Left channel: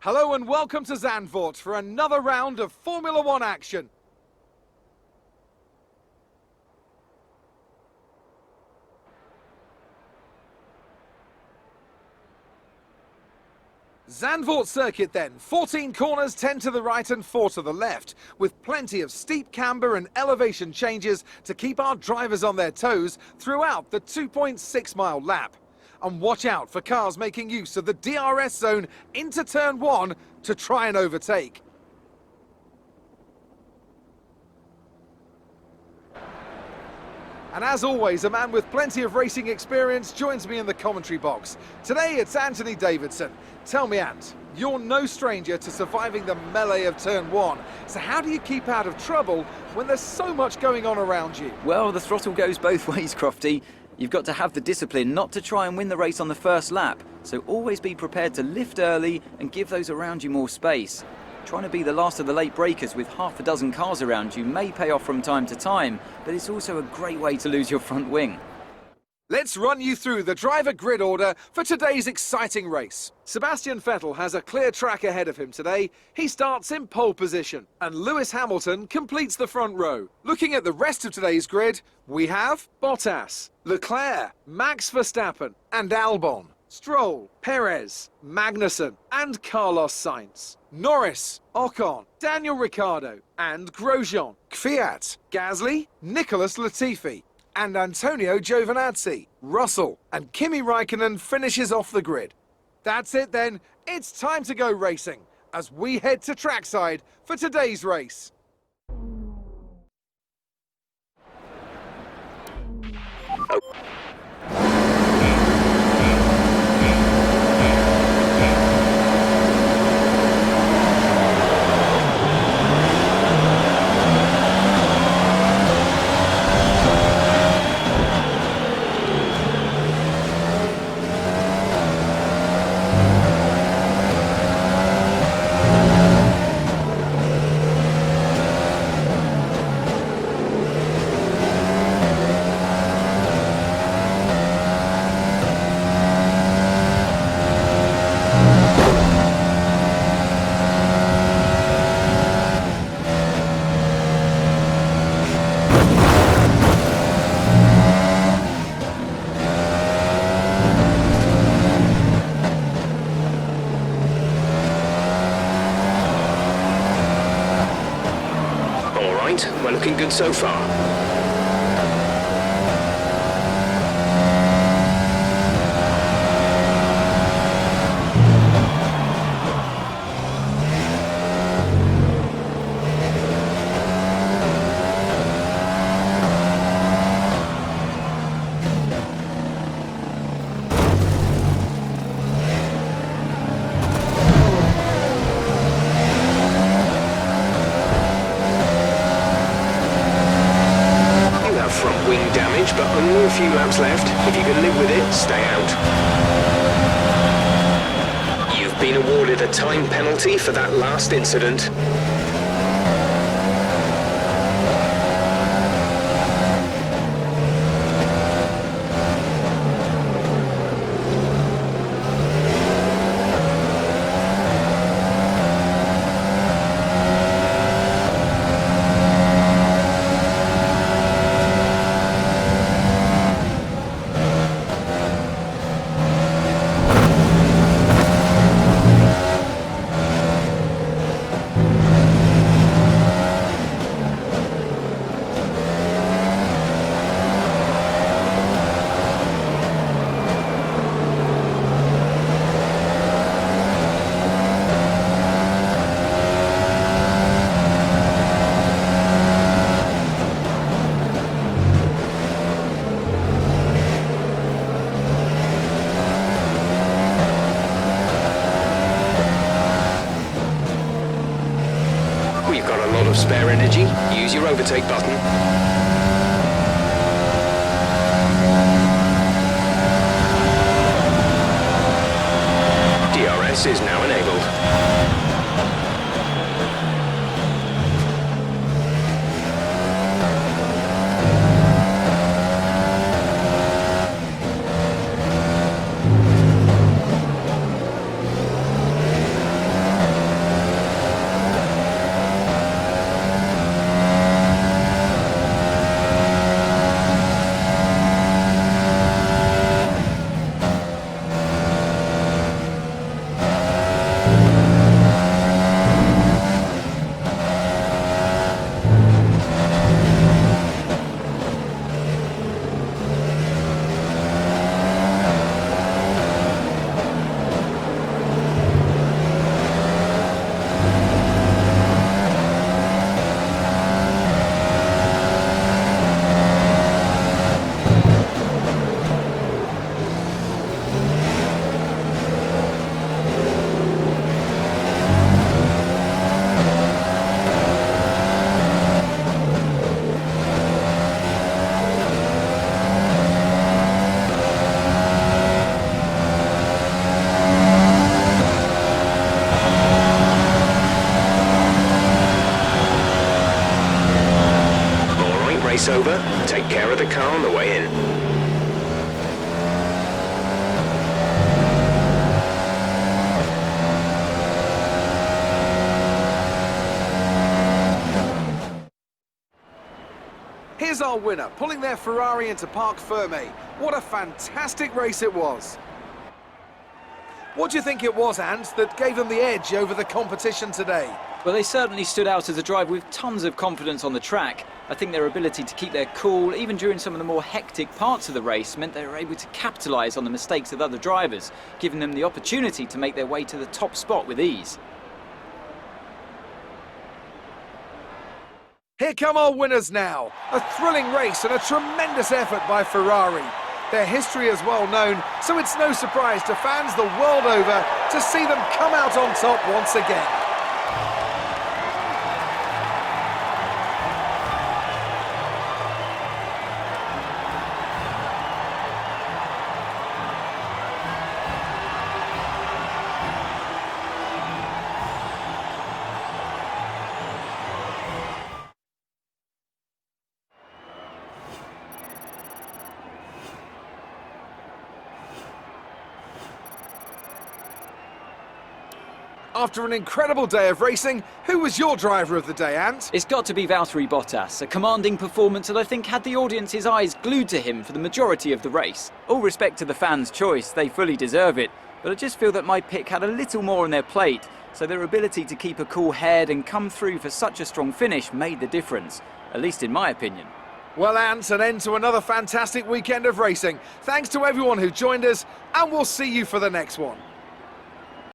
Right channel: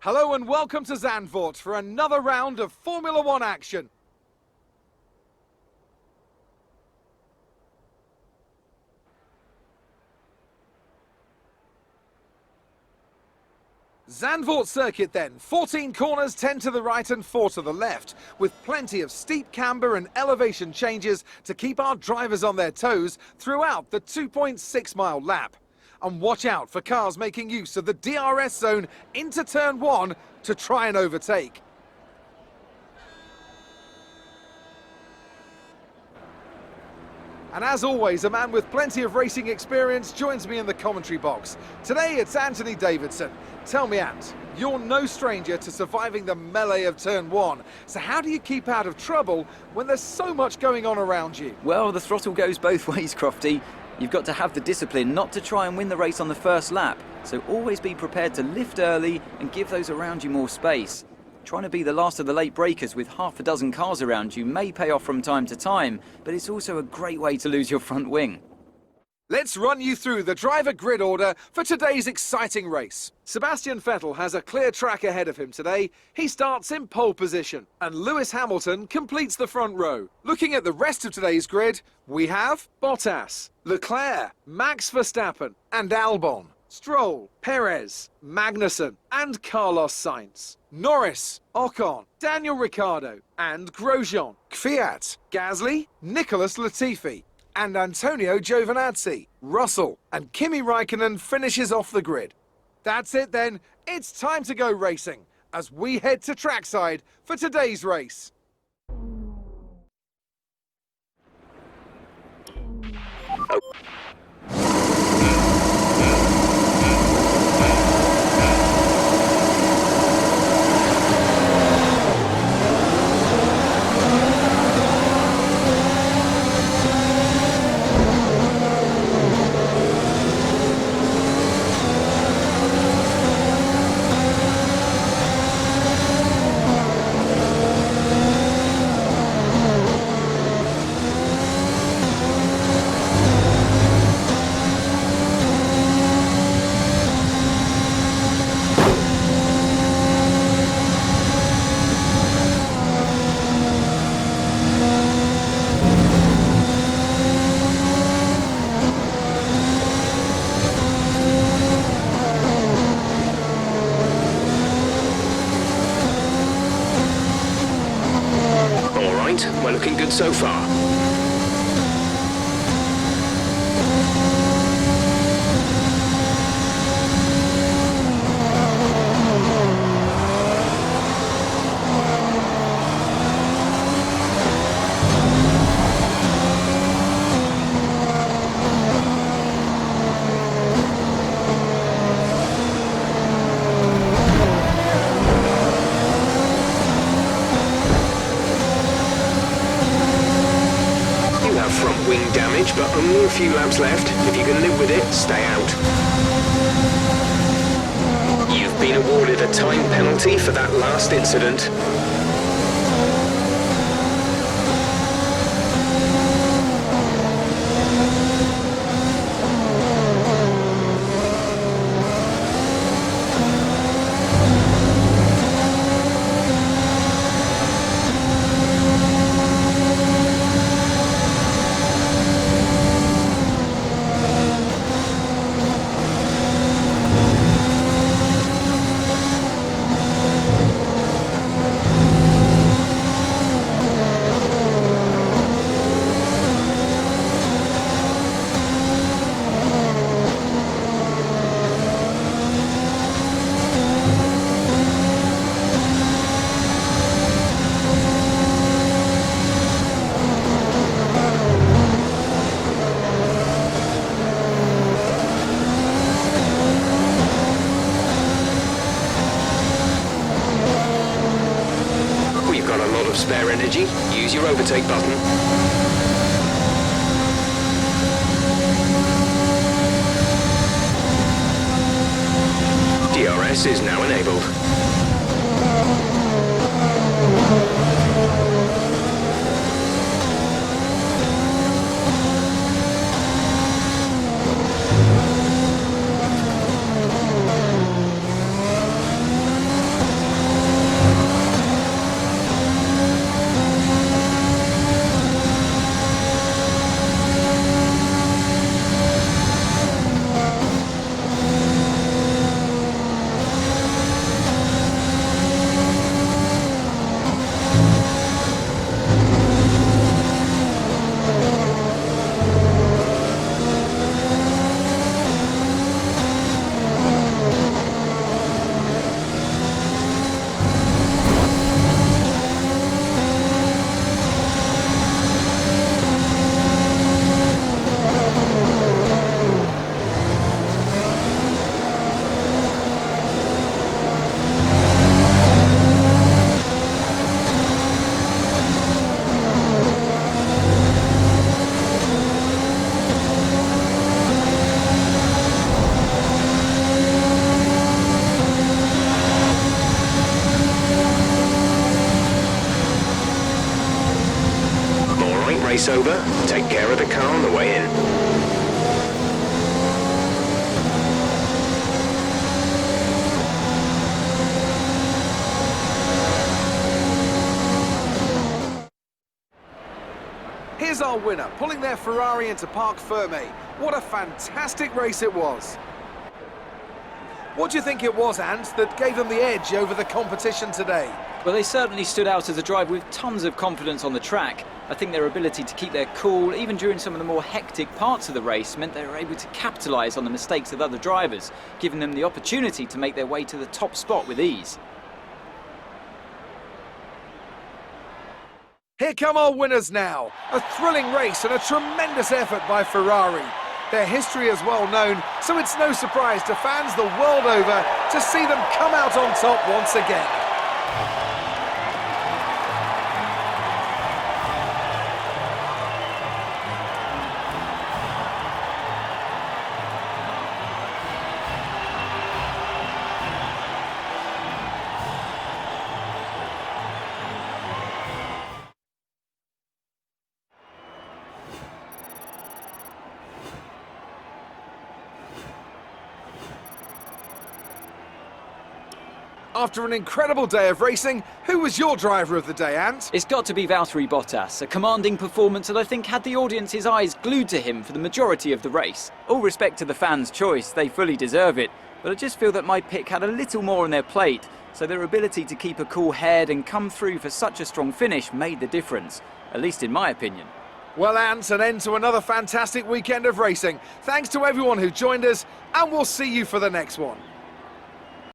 Hello and welcome to Zandvoort for another round of Formula One action. Zandvoort circuit then, 14 corners, 10 to the right and 4 to the left, with plenty of steep camber and elevation changes to keep our drivers on their toes throughout the 2.6 mile lap. And watch out for cars making use of the DRS zone into turn 1 to try and overtake. And as always, a man with plenty of racing experience joins me in the commentary box. Today it's Anthony Davidson. Tell me, Ant, you're no stranger to surviving the melee of turn 1. So how do you keep out of trouble when there's so much going on around you? Well, the throttle goes both ways, Crofty. You've got to have the discipline not to try and win the race on the first lap, so always be prepared to lift early and give those around you more space. Trying to be the last of the late breakers with half a dozen cars around you may pay off from time to time, but it's also a great way to lose your front wing. Let's run you through the driver grid order for today's exciting race. Sebastian Vettel has a clear track ahead of him today. He starts in pole position, and Lewis Hamilton completes the front row. Looking at the rest of today's grid, we have Bottas, Leclerc, Max Verstappen, and Albon, Stroll, Perez, Magnussen, and Carlos Sainz, Norris, Ocon, Daniel Ricciardo, and Grosjean, Kvyat, Gasly, Nicholas Latifi, and Antonio Giovinazzi, Russell, and Kimi Raikkonen finishes off the grid. That's it then, it's time to go racing, as we head to trackside for today's race. We're looking good so far. Front wing damage, but only a few laps left. If you can live with it, stay out. You've been awarded a time penalty for that last incident. Got a lot of spare energy. Use your overtake button. DRS is now enabled. race over, take care of the car on the way in. Here's our winner, pulling their Ferrari into Parc Fermé. What a fantastic race it was. What do you think it was, Ant, that gave them the edge over the competition today? Well, they certainly stood out as a drive with tons of confidence on the track. I think their ability to keep their cool, even during some of the more hectic parts of the race, meant they were able to capitalise on the mistakes of other drivers, giving them the opportunity to make their way to the top spot with ease. Here come our winners now. A thrilling race and a tremendous effort by Ferrari. Their history is well known, so it's no surprise to fans the world over to see them come out on top once again. After an incredible day of racing, who was your driver of the day, Ant? It's got to be Valtteri Bottas, a commanding performance that I think had the audience's eyes glued to him for the majority of the race. All respect to the fans' choice, they fully deserve it, but I just feel that my pick had a little more on their plate, so their ability to keep a cool head and come through for such a strong finish made the difference, at least in my opinion. Well, Ant, an end to another fantastic weekend of racing. Thanks to everyone who joined us, and we'll see you for the next one.